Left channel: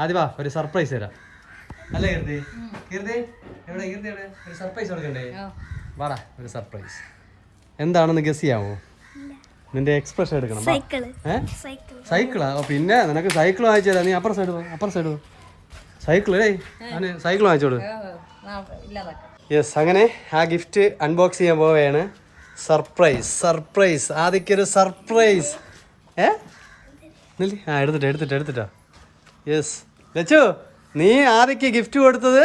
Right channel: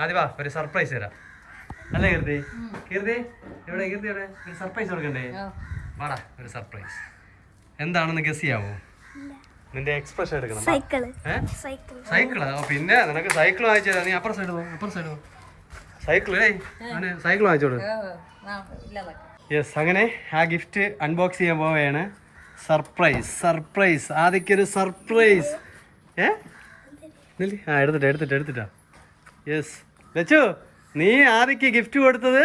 ആദ്യം വാ ഒരു സർപ്രൈസ് തരാം അല്ലേ കീർത്തി? കീർത്തി എവിടെ? കീർത്തി എവിടെ? ഒരു സർപ്രൈസ് കൊടുക്കണ്ടേ? വാടാ ഒരു സർപ്രൈസ്. എന്താണെന്ന് ഗസ് ചെയ്യാവോ? നിന്റെ എക്സ്പ്രഷൻ എടുക്കണം. സൈക്കിളാ? പിന്നെ നിനക്ക് സൈക്കിൾ വാങ്ങിച്ചു തരാം. നീ അപ്പുറം സൈഡ് സൈക്കിളേ സൈക്കിൾ വാങ്ങിച്ചോളൂ. യെസ്, അങ്ങനെ ആ ഗിഫ്റ്റ് അൺബോക്സ് ചെയ്യാൻ പോവുകയാണ്. സർപ്രൈസ് ആദ്യക്കൊരു സർപ്രൈസ്. എടുത്തിട്ടാ. യെസ് ലച്ചു, നീ ആദ്യക്ക് ഗിഫ്റ്റ് കൊടുത്തത്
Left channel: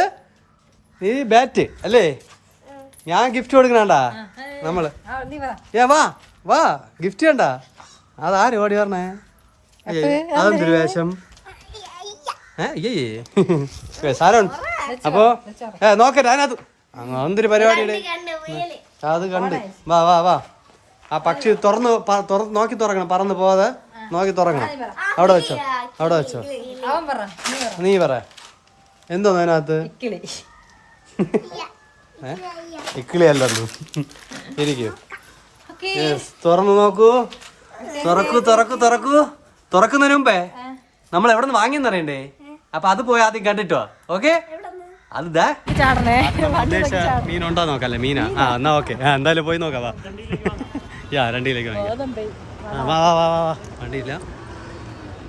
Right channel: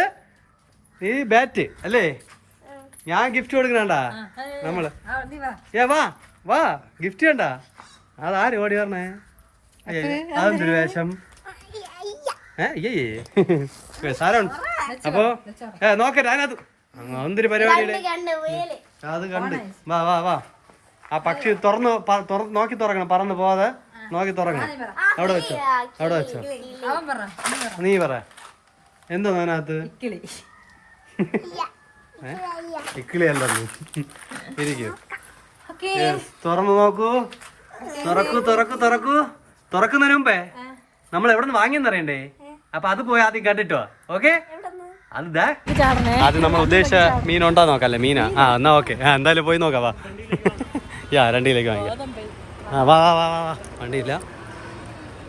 നീ ബാറ്റ് അല്ലേ? ഞാൻ ഗിഫ്റ്റ് കൊടുക്കണണ്ടാ നമ്മള്. വാ ഗിഫ്റ്റ് കണ്ട. അതാര് ഓടി പറഞ്ഞേ? അതെന്തൊരു വേഷം? സാരമുണ്ട്. അപ്പോ നോക്കട്ടെ അതിനകത്ത് എന്തൊരു പരിപാടിയുടെ അത് കണ്ട്. വാ ആ പക്ഷി നോക്കി തുറക്കണം, പറന്ന് പോവാതെ നോക്കി തുറക്കണം. അവിടെ വെച്ചോ. നീ പറ എന്തോന്ന് അതിനകത്ത്? ഇക്കിളിയല്ലോ. ഇരിക്കും. തുറന്നു നോക്കൂ. തുറക്കുന്നതിന് മുമ്പേ നമ്മൾ എവിടെ നിന്ന് വാങ്ങിയെന്നറിയണ്ടേ? അപ്പൊ അത് പോയി ആദ്യം കണ്ടിട്ടോ. ഓക്കെ, അത് നമ്മൾ ഉദ്ദേശിച്ച മീൻ ഉണ്ടോ നോക്കല്ലേ? മീനാ? എന്നാ ഓക്കെ. എന്തായാലും പോയി നോക്കാം. വാ വണ്ടിയിലേക്ക് വാങ്ങിക്കാം. വാ വണ്ടിയില്ല.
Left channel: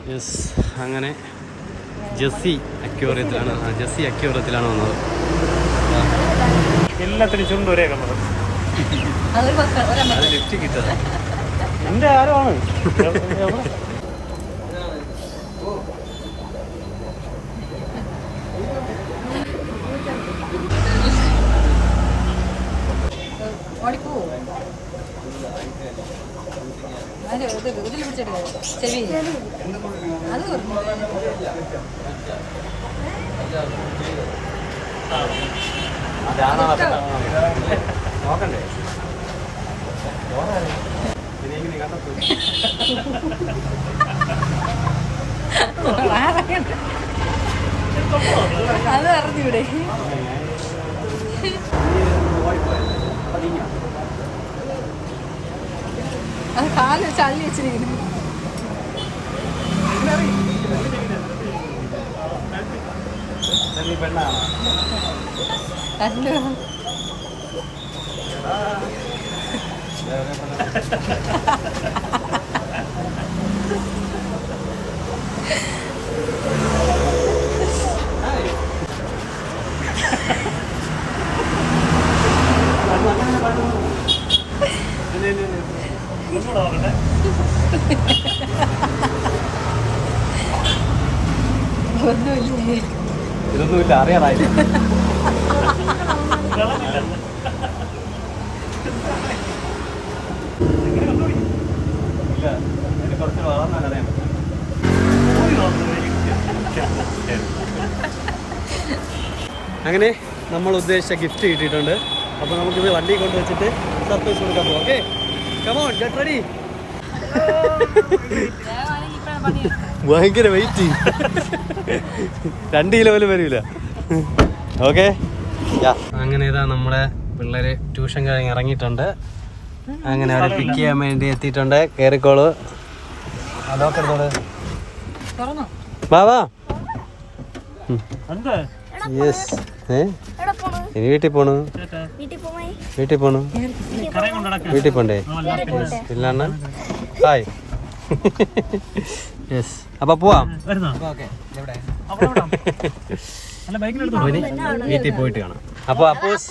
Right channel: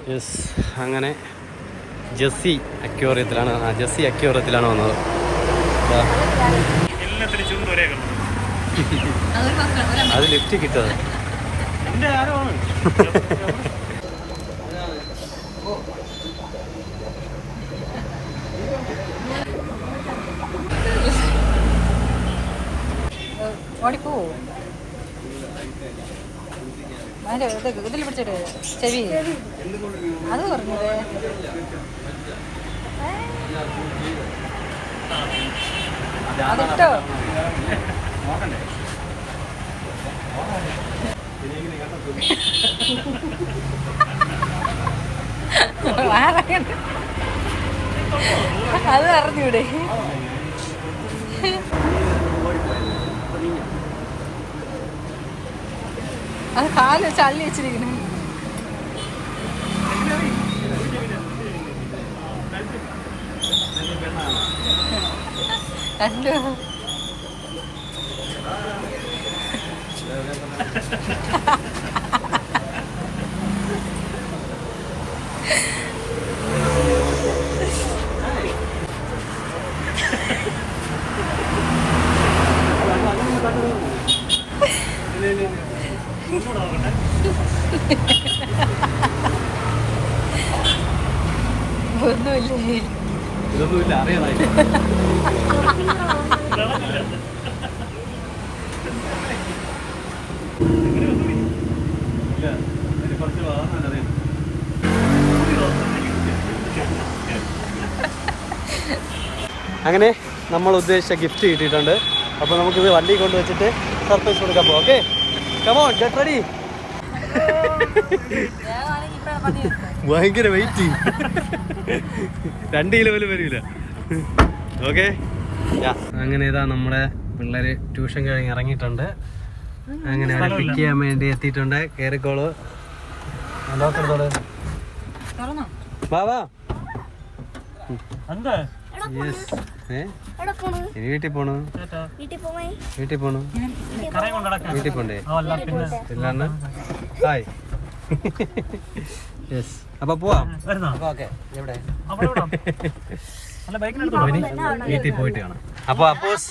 യെസ്, അങ്ങനെ ജെസ്സി അക്യൂറിയത്തിലാണ് വന്നത്. അത് ലിഫ്റ്റ് കിട്ടത്. ഓടിപ്പോ ഇതിൽ പിടിച്ചിട്ട് ചെവി അത് പറഞ്ഞത്. അതിട്ടോ അത് അറിഞ്ഞൂടെ? അത് കാല് ചള്ളി വെച്ചിരിക്കുന്നു. അല്ലോ ഇതൊന്നുമില്ല, അറിയാതായി. കുറച്ച് വളർന്നറിയാം. അങ്ങനെ നമ്മൾ ഉദ്ദേശിച്ച ഗിഫ്റ്റ് കിട്ടിയിട്ടുണ്ട്. അപ്പോൾ നമുക്കിത് വണ്ടി കൊണ്ട് വെച്ചിട്ട് സർപ്രൈസ് കൊടുക്കാൻ പോകാം. Okay, come on get ready. ഭയങ്കര വെയിറ്റ്, 2 കിലോ പോലും വരില്ല. ഓക്കെ, അങ്ങനെ ഇതാ നമ്മുടെ പിള്ളേര് ട്യൂഷൻ കഴിഞ്ഞ് ഇറങ്ങിയിട്ടുണ്ട്. അങ്ങനെ അവരെ പിക്ക് ചെയ്യാൻ വേണ്ടി എത്തിയിട്ടുണ്ട്. കയറിക്കോളൂ. ലോക്കെടുത്തോളൂ. വാ. യെസ്. ഇനി വീട്ടിൽ പോണു. വീട്ടിൽ പോണ്ടേ? പിള്ളാണ്. ഹായ്. യെസ്, അപ്പൊ പോവാം. വീട്ടിൽ പോയിട്ട് കാണാം. അപ്പൊ അപ്പോസ്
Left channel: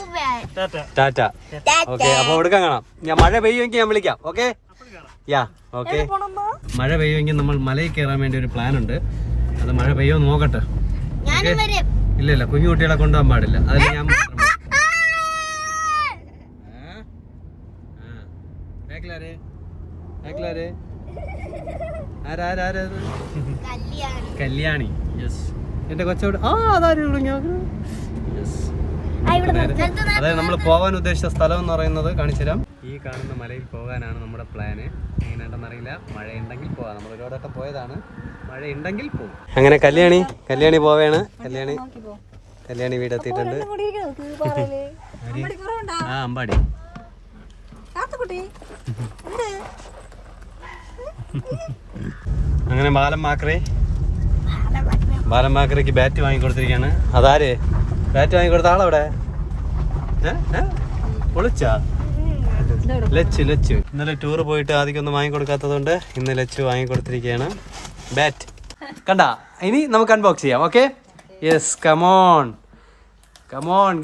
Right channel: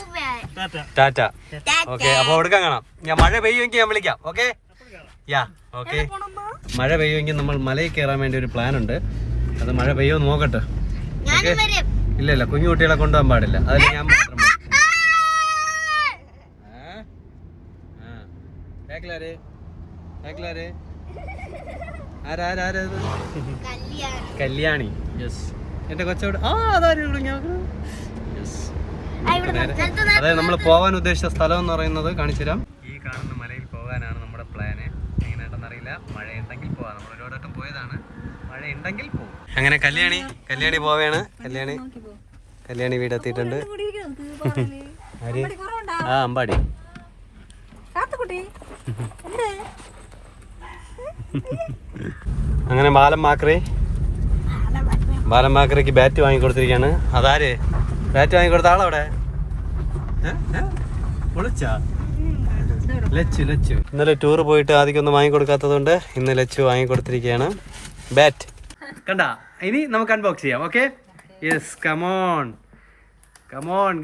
ടാറ്റ. ഓക്കെ, അപ്പൊ എടുക്കാൻ കാണാം. ഞാൻ മഴ പെയ്യുമെങ്കിൽ ഞാൻ വിളിക്കാം. Okay, okay. മഴ പെയ്യുമെങ്കിൽ നമ്മൾ മലയിൽ കയറാൻ വേണ്ടി ഒരു പ്ലാൻ ഉണ്ട്. അത് മഴ പെയ്യോ നോക്കട്ടെ. ഓക്കെ, ഇല്ല കുഞ്ഞു കുട്ടികളെ കൊണ്ടുപോകാൻ പാടില്ല. അതിൽ ഞാൻ മാത്രം. കല്യാണി. യെസ്, എന്റെ കൊച്ചോട്. അതായത് നമ്മൾ പോകാൻ ഉദ്ദേശിച്ച സ്ഥലം എന്ന് പറയുന്നത് കാണിച്ചു തരാം. ഈ കാണുന്ന മലയിൽ പോകാനാണ് നമ്മുടെ പ്ലാന്. എങ്ങനെയാണെന്നറിയില്ല. മഴയുണ്ടെങ്കിൽ പോവാം. നമ്മൾ ഒരുപാട് വട്ടം പോയതാണ്. മഴ ഉണ്ടെങ്കിൽ പോകും. അങ്ങനെ കല്യാണി പോവേണ്. കല്യാണി വീടെത്തിയിട്ടുണ്ട്. അമ്പാടി. അങ്ങനെ ബാലം മാക്രേ ബാലമാക്കരയ്ക്ക് ബാറ്റ് വാങ്ങിക്കൊടുത്തിരിക്കുകയാണ്. അതാര് ബാറ്റ് വാങ്ങിക്കൊടുത്ത ആളവിടെ? ലച്ചു ഇന്നലെ ടൂർ പോയിട്ട് ആദ്യമൊന്നും വാങ്ങിക്കൊടുക്കാത്തതുകൊണ്ട് ഇന്ന് ലച്ചു വാങ്ങിക്കൊടുത്തിരിക്കുകയാണ് ബാറ്റ്. കണ്ട, ഇനി നമുക്ക് അൺബോക്സ് ചെയ്യാം. Okay, yes, come on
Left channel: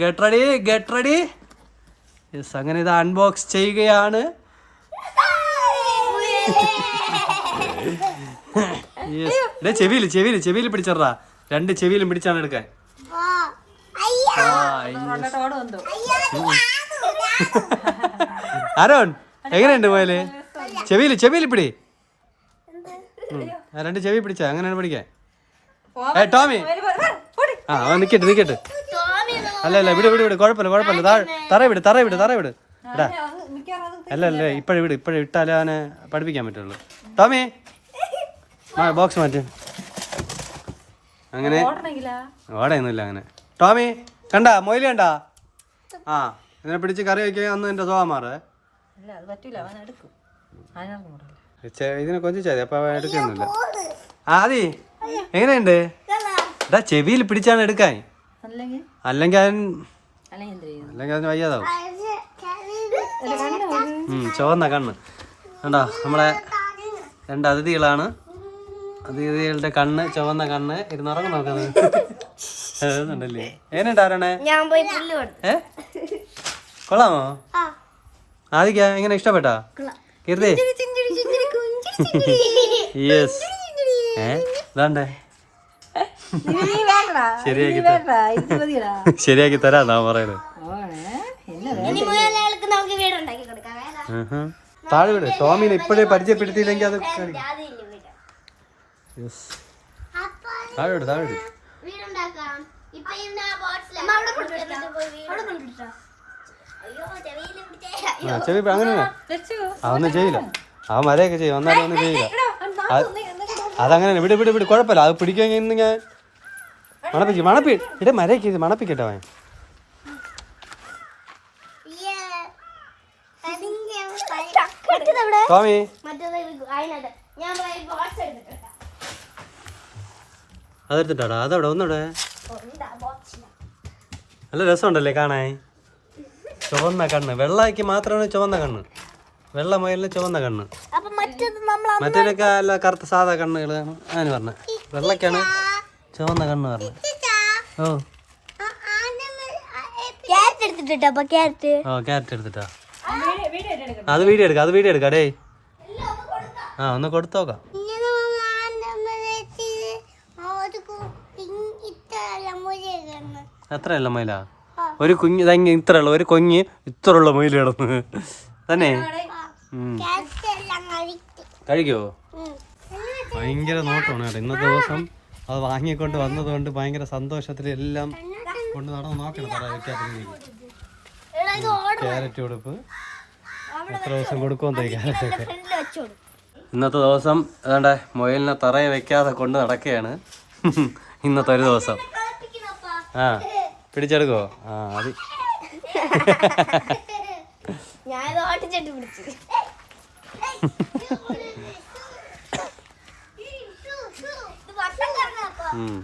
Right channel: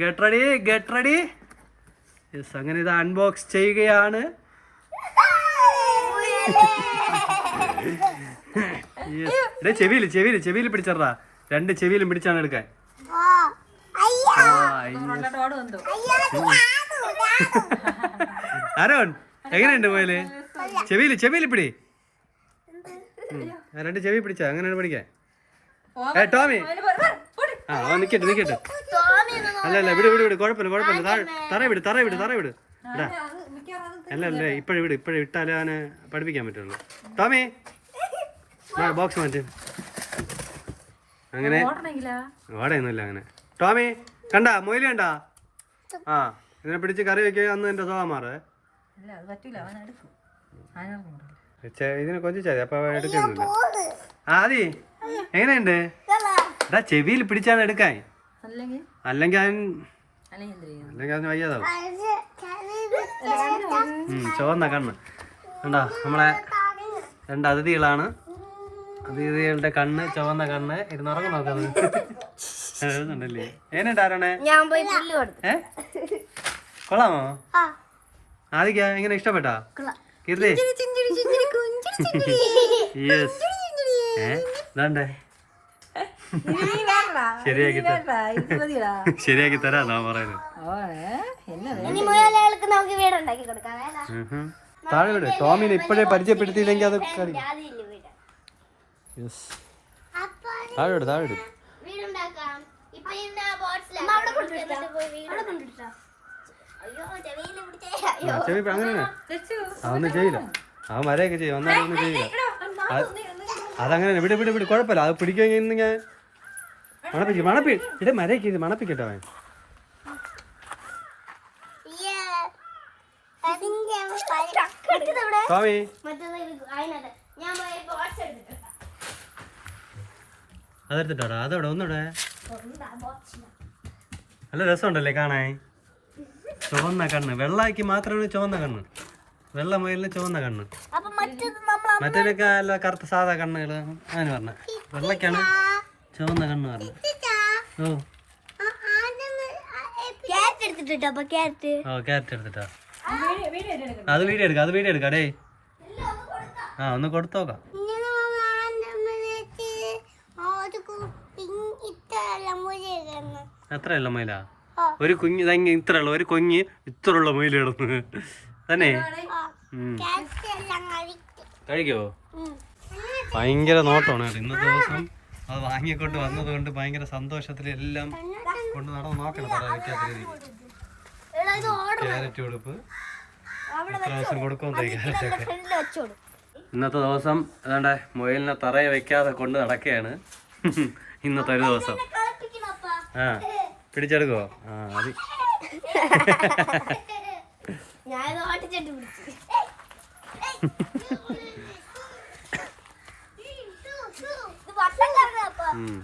get ready. Yes, അങ്ങനെ ഇത് അൺബോക്സ് ചെയ്യുകയാണ്. ചെവിയിൽ പിടിച്ചറാ, 2 ചെവിയിലും പിടിച്ചാണ് എടുക്കാൻ. ആരോൺ എങ്ങനെയുണ്ട് പോയാല്? ചെവിയിൽ പിടി. 2 ചെവി പിടിച്ചാ അങ്ങനെയാണ് പിടിക്കാൻ. ടോമി നിക്കട്ടെ. അല്ല വിട് കുഴപ്പമില്ല. തറ വിട് ഇടാ. അല്ല ഇപ്പഴേ ഇട്ടാലേ അവനെ പഠിപ്പിക്കാൻ പറ്റുള്ളൂ. ടോമി ബോക്സ് മാറ്റ്. അങ്ങനെ ഓടയൊന്നുമില്ല അങ്ങനെ. ടോമി കണ്ടാ മൊയില് കണ്ടാ? ഇതിനെ പിടിച്ച് കറി വയ്ക്കുക. അന്ന് എന്റെ സ്വഭാവം മാറേ. ഇതിനെ കൊഞ്ചിച്ചാതി, അപ്പൊ എടുക്കൊന്നുമില്ല. ആദി എങ്ങനെയുണ്ട്? ഇതാ ചെവിയിൽ പിടിച്ചാണ് എടുക്കാൻ. അല്ലെങ്കിൽ അതിന് വയ്യാതാവും. ചുവന്ന കണ്ണ് കണ്ടാ? നമ്മളെ 2 അതിഥികളാണ്. അതിഥികളുടെ കണ്ണ് ചുവന്ന കണ്ണ്. ഇരുന്നുറങ്ങും നോക്കുന്നത് ഉണ്ടല്ലേ. എങ്ങനെയുണ്ട് ആരാണ്? കൊള്ളാമോ? ആദിക്ക എങ്ങനെ ഇഷ്ടപ്പെട്ടാ? കീർത്തി യെസ്. ഇതാണ്ടേ ശരിയാക്കി തരാന്നാ പറയുന്നത്. താഴെ വിട്. ടോമിനെ ഇപ്പോഴേ പരിചയപ്പെടുത്തിയില്ലെങ്കിൽ അത് താഴെ വിട്. ചെവി അങ്ങനെ അവൊന്നും ചെയ്യില്ല. അവൻ മരയൊക്കെ ചെയ്യും, വന്നാലും ഒന്നും ചെയ്യില്ല. അതങ്ങനെ വിട്. കുഴപ്പമില്ല. അത് പിടിക്കുമെങ്കിൽ ഞാൻ മണപ്പിട്ട് മരയൊക്കെ മണപ്പിക്കട്ടെ അവൻ. ടോമി അതെടുത്തിട്ടാടാ. അതവിടെ ഒന്നൂടെ. നല്ല രസമുണ്ടല്ലേ കാണാൻ? ചുവന്ന കണ്ണ്. വെള്ളയ്ക്ക് മാത്രമാണ് ചുവന്ന കണ്ണ്. വെള്ള മയിലിന് ചുവന്ന കണ്ണ്. മറ്റേതൊക്കെ അല്ല കറുത്ത സാധാ കണ്ണുകളാണ് അതിന് പറഞ്ഞത്. വെള്ളക്കാണ് ചുവന്ന കണ്ണ് പറഞ്ഞത്. ക്യാരറ്റ് എടുത്തിട്ടാ. അത് വീഡിയോ എടുക്കാം ഡേ. ഒന്ന് കൊടുത്തു നോക്കാം. അത്രയല്ല മയിലാ? ഒരു കുഞ്ഞ് ഇത്രയുള്ള ഒരു കൊഞ്ഞ് ഇത്രയുള്ള മയിൽ കിടന്ന് തന്നെ. കഴിക്കോ? ഭയങ്കര നോട്ടമാണ് കേട്ടോ. ഇന്നത്തെ ദിവസം അത് വാങ്ങിക്കൊണ്ട് വന്നതുകൊണ്ട് ഭയങ്കര സന്തോഷത്തിൽ എല്ലാം കൊണ്ട് നടന്ന് നോക്കണം. തറ വയ്ക്കാത്ത ക്യാരറ്റ് കൊടുപ്പ് എത്ര ദിവസം കൊടുക്കുമെന്ന് ക്യാരറ്റ്. ഇന്നത്തെ ദിവസം ഏതാണ്ട് മൊയിലിനെ തറയെ വെക്കാതെ കൊണ്ട് നടക്കുകയാണ് ഇന്നത്തെ ഒരു ദിവസം. പിടിച്ചെടുക്കോ? അത്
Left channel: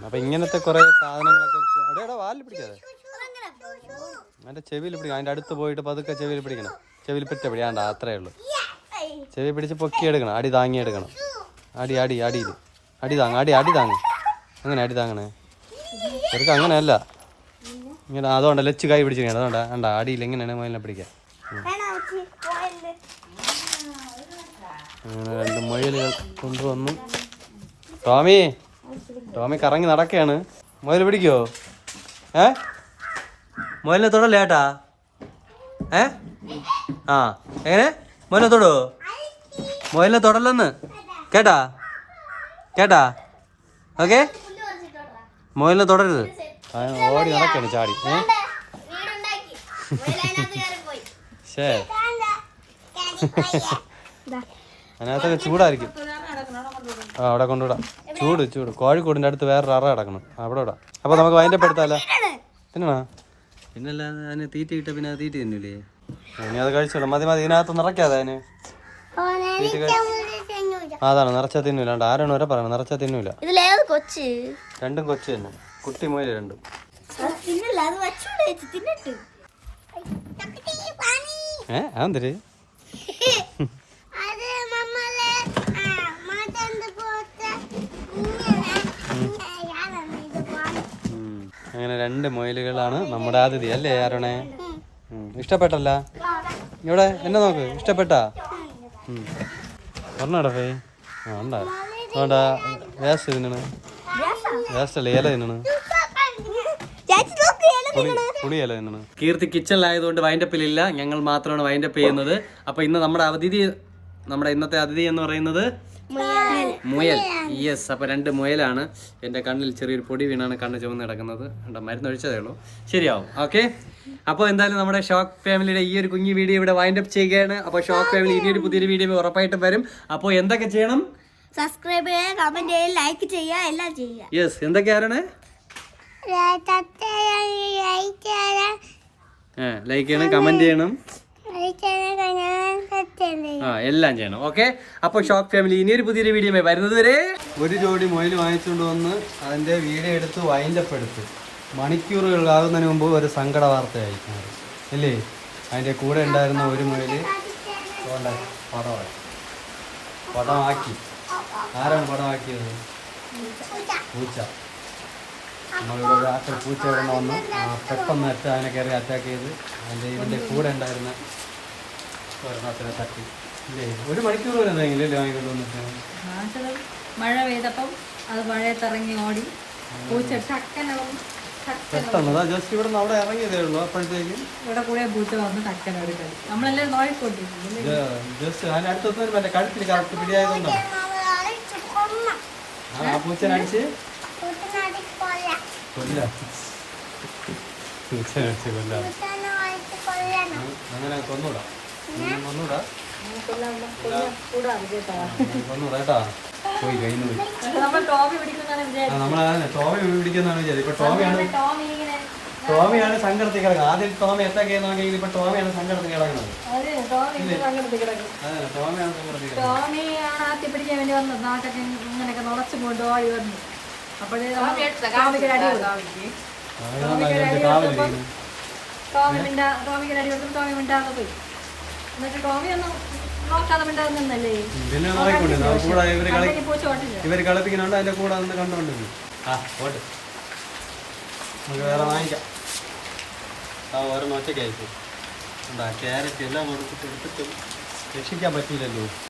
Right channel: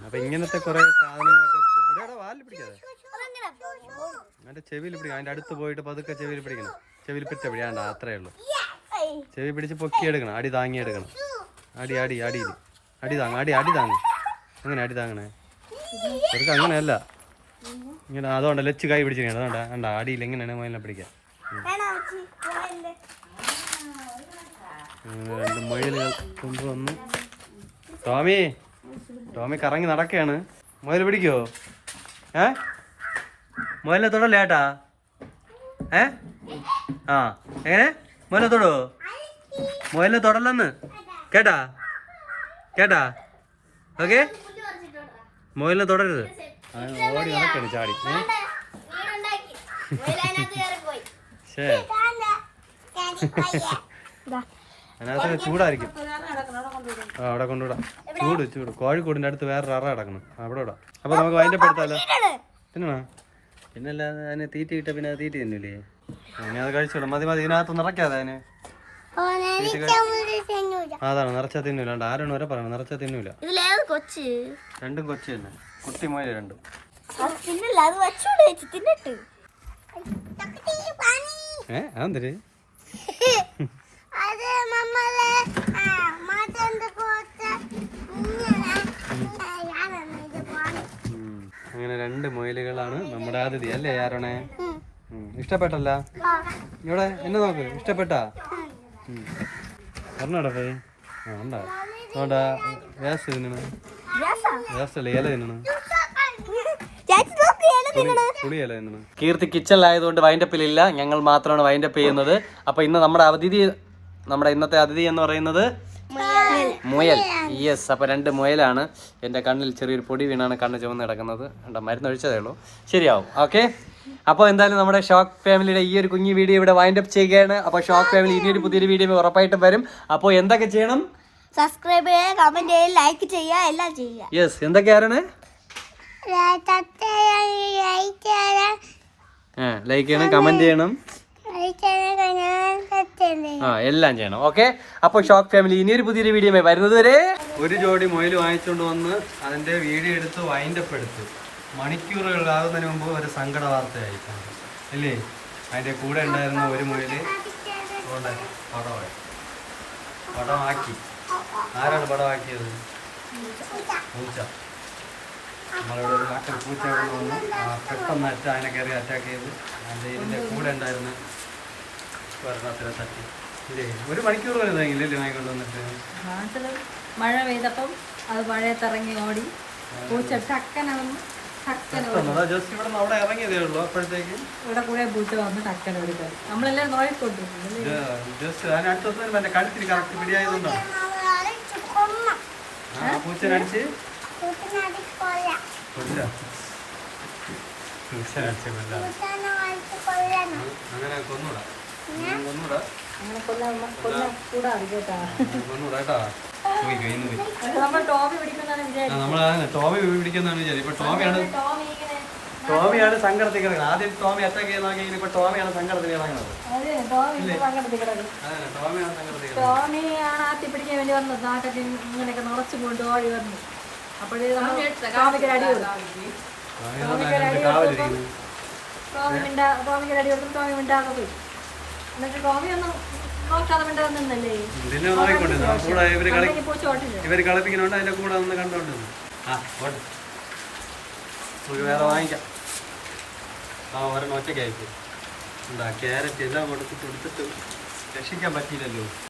അപ്പൊ ഇങ്ങനത്തെ കുറെ സാധനങ്ങളൊക്കെ വാലിൽ പിടിക്കാതെ അതിന്റെ ചെവിയിൽ പിടിക്കണം. അതിന്റെ അടുത്ത് പോയിട്ട് പതുക്കെ ചെവിയിൽ പിടിക്കണം. ചെവിയിൽ പറ്റ പിടിയാണ്ട അത്രേ ഉള്ളൂ. ചെവി പിടിച്ച് പൊക്കിയെടുക്കണം. അടി താങ്ങിയെടുക്കണം. അടി താങ്ങ്. അങ്ങനെ അടി താങ്ങണേ ചെറുക്ക. അങ്ങനെയല്ല ഇങ്ങനെ. അതുകൊണ്ട് ലച്ച് കൈ പിടിച്ചിരിക്കണം. അതുകൊണ്ടാ കണ്ട അടിയിൽ എങ്ങനെയാണ് മൊയിലിനെ പിടിക്കാൻ. അങ്ങനെ 2 മൊയിലുകൾ കൊണ്ടുവന്നു. ടോമി കറങ്ങി നടക്കുകയാണ്. മൊയിൽ പിടിക്കോ? മൊയിലിനെ തൊടല്ലേ ഏട്ടാ? എങ്ങനെ മൊയിലിനെ തൊടോ? മൊയിലിനെ തൊടല്ലെന്ന് കേട്ടാ? ഓക്കെ, മൊയിലിനെ തൊടരുത്. ഓടി നടക്കാണ് ചാടി. അതിനകത്തൊക്കെ ചൂടായിരിക്കും. അവിടെ കൊണ്ടുവിടാം. ചൂട് കോഴിക്കോടിൻ്റെ അടുത്ത് വേറൊരു അറ കിടക്കണം. അവിടെ വിടാം. അപ്പോൾ നമുക്ക് അതിൻ്റെ പെടുത്താലോ? തിന്നണോ? പിന്നല്ലാതെ അതിന് തീറ്റ കിട്ടാൻ പിന്നെ അത് തീറ്റ തിന്നില്ലേ? ഇനി അത് കഴിച്ചോളൂ. മതി ഇതിനകത്ത് നിറയ്ക്കാതെ അതിന് തീറ്റ കഴിച്ചു. അതാണ് നിറച്ചാൽ തിന്നൂല. ആരാണ് വരെ പറയണം നിറച്ചാൽ തിന്നൂല. കൊച്ച് രണ്ടും കൊച്ചു തന്നെ, കുട്ടി മുയല് രണ്ടും. അതെന്തര് അങ്ങനെ രണ്ട് മുയലുകളാണ് നമ്മുടെ അതിഥി അല്ലേ ആരോണേ? ഇഷ്ടപ്പെട്ടല്ല? ഇവിടെ എന്നെ നോക്ക്, ഇഷ്ടപ്പെട്ടാ? പറഞ്ഞോടാ ഫേ. ആ ഉണ്ടാ അതുകൊണ്ടാ വേസ്റ്റ് തിന്നണ്, വേസ്റ്റ് അല്ലേ ഇല തിന്നണ്, പുളി ഇല തിന്നണ്. കീർത്തി കിച്ചണിലായതുകൊണ്ട് വൈൻഡപ്പിലില്ല, ഞങ്ങൾ മാത്രമാണ് വൈൻഡപ്പ് ചെയ്യുന്നത്. അപ്പൊ ഇന്ന് നമ്മുടെ ഇന്നത്തെ അതിഥി എന്ന് പറയുന്നത് മുയൽ. യെസ്, അപ്പൊ രണ്ട് മുയലാണ്. എൻ്റെ കണ്ണിൽ ചെറിയൊരു പൊടി വീണാണ് കണ്ണ് ചുവന്ന് കിടക്കുന്നത്. മരുന്ന് ഒഴിച്ചതേ ഉള്ളൂ, ശരിയാവും. ഓക്കെ, അപ്പോൾ എന്തായാലും നമ്മുടെ ഷോക്ക് ഫാമിലിയുടെ ഈ ഒരു കുഞ്ഞു വീഡിയോ ഇവിടെ വൈൻഡപ്പ് ചെയ്യുകയാണ്. അപ്പോൾ ഷോക്ക് ഫാമിലി ഇനിയൊരു പുതിയൊരു വീഡിയോ ഉറപ്പായിട്ടും വരും. അപ്പോൾ എന്തൊക്കെ ചെയ്യണം? സബ്സ്ക്രൈബ് ചെയ്യുക, കമന്റ് ചെയ്യുക, ലൈക്ക് ചെയ്യുക, എല്ലാം ചെയ്യുക. യെസ്, എന്തൊക്കെയാണ്? ലൈക്ക് ചെയ്യണം, കമന്റ് ചെയ്യണം, എല്ലാം ചെയ്യണം. ഓക്കെ, അപ്പൊ ഷോക്ക് ഫാമിലി ഇനിയൊരു പുതിയൊരു വീഡിയോ വരുന്നത് വരെ. ഒരു ജോഡി മുയൽ വാങ്ങിച്ചുകൊണ്ട് വന്ന് അതിന്റെ വീഡിയോ എടുത്ത് വൈൻഡപ്പ് എടുത്ത് മണിക്കൂറുകളാകുന്നതിന് മുമ്പ് ഒരു സങ്കട വാർത്തയായിരിക്കണം ഇല്ലേ? അതിന്റെ കൂടെ ഉണ്ടായിരുന്ന ഒരു മുയല് പടമാക്കി. ആരാണ് പടമാക്കിയത്? പൂച്ച. നമ്മളിവിടെ ഒരു ആക്ഷൻ പൂച്ച ഇവിടെ വന്നു പെട്ടെന്ന് അതിനെ കയറി അറ്റാക്ക് ചെയ്തു. ഇതിന്റെ കൂടെ ഉണ്ടായിരുന്ന ഒരെണ്ണത്തിനെ തട്ടി ഇല്ലേ? ഒരു മണിക്കൂർ വരെ ഇതല്ലേ വാങ്ങിക്കൊണ്ട് വന്നിട്ട് മഴ പെയ്തപ്പം അത് മഴയത്തിറങ്ങി ഓടി. പൂച്ച ജസ്റ്റ് ഇവിടെ അവിടെ ഇറങ്ങിയതേ ഉള്ളൂ. അപ്പോഴത്തേക്ക് ഇവിടെ കൂടെ പൂച്ച വന്ന് ടക്കന ഒരു കളി നമ്മളെല്ലാം നോയിക്കൊണ്ടിരുന്നു. ജസ്റ്റ് അടുത്ത ദിവസം എന്റെ കഴുത്തിന് കറക്റ്റ് പിടിയായതുകൊണ്ടോ ആ പൂച്ചനടിച്ച് കൊല്ല അങ്ങനെ കൊന്നൂടാ പോയി കഴിഞ്ഞു പോയി. നമ്മളതാണ് ടോമി പിടിക്കുന്നതാണ് വിചാരിച്ചത്. ഇപ്പൊ ടോമിയാണ് സങ്കടത്തിൽ കിടക്കുന്നത്. ആദ്യം ടോമി അറ്റാക്ക് ചെയ്യുന്നതെങ്കിൽ ഇപ്പൊ ടോമിയാണ് സങ്കടത്തിൽ കിടക്കുന്നത്. ടോമിയാണ് സങ്കടത്തിൽ ടോമിയാണ് ആത്തി പിടിക്കാൻ വേണ്ടി വന്നത്. നാക്കൊക്കെ ഇങ്ങനെയൊക്കെ നിറച്ചു കൊണ്ട് ഓടി വന്നു. അപ്പോഴേ ടോമിക്കൊരു അടി കൊടുത്തു. ടോമിക്കൊരു അടി കൊടുത്തു. ടോമി മിണ്ടാതെ പോയി. എന്നിട്ട് ടോമി ഒന്നും നോക്കാതെ മിണ്ടാതെ നിന്നല്ലേ. പൂച്ച ഓട്ടില്ല. ഇവര് കളിപ്പിക്കുന്നുണ്ട്, അതിന്റെ കൂടെ നിന്ന് കണ്ടുകൊണ്ട് ഓട്ടെ. നമുക്ക് വേറെ വാങ്ങിക്കാം. ഓരോ ഒറ്റയ്ക്ക് അയക്കും. ക്യാരറ്റ് എല്ലാം കൊടുത്തിട്ട് രക്ഷിക്കാൻ പറ്റില്ലല്ലോ.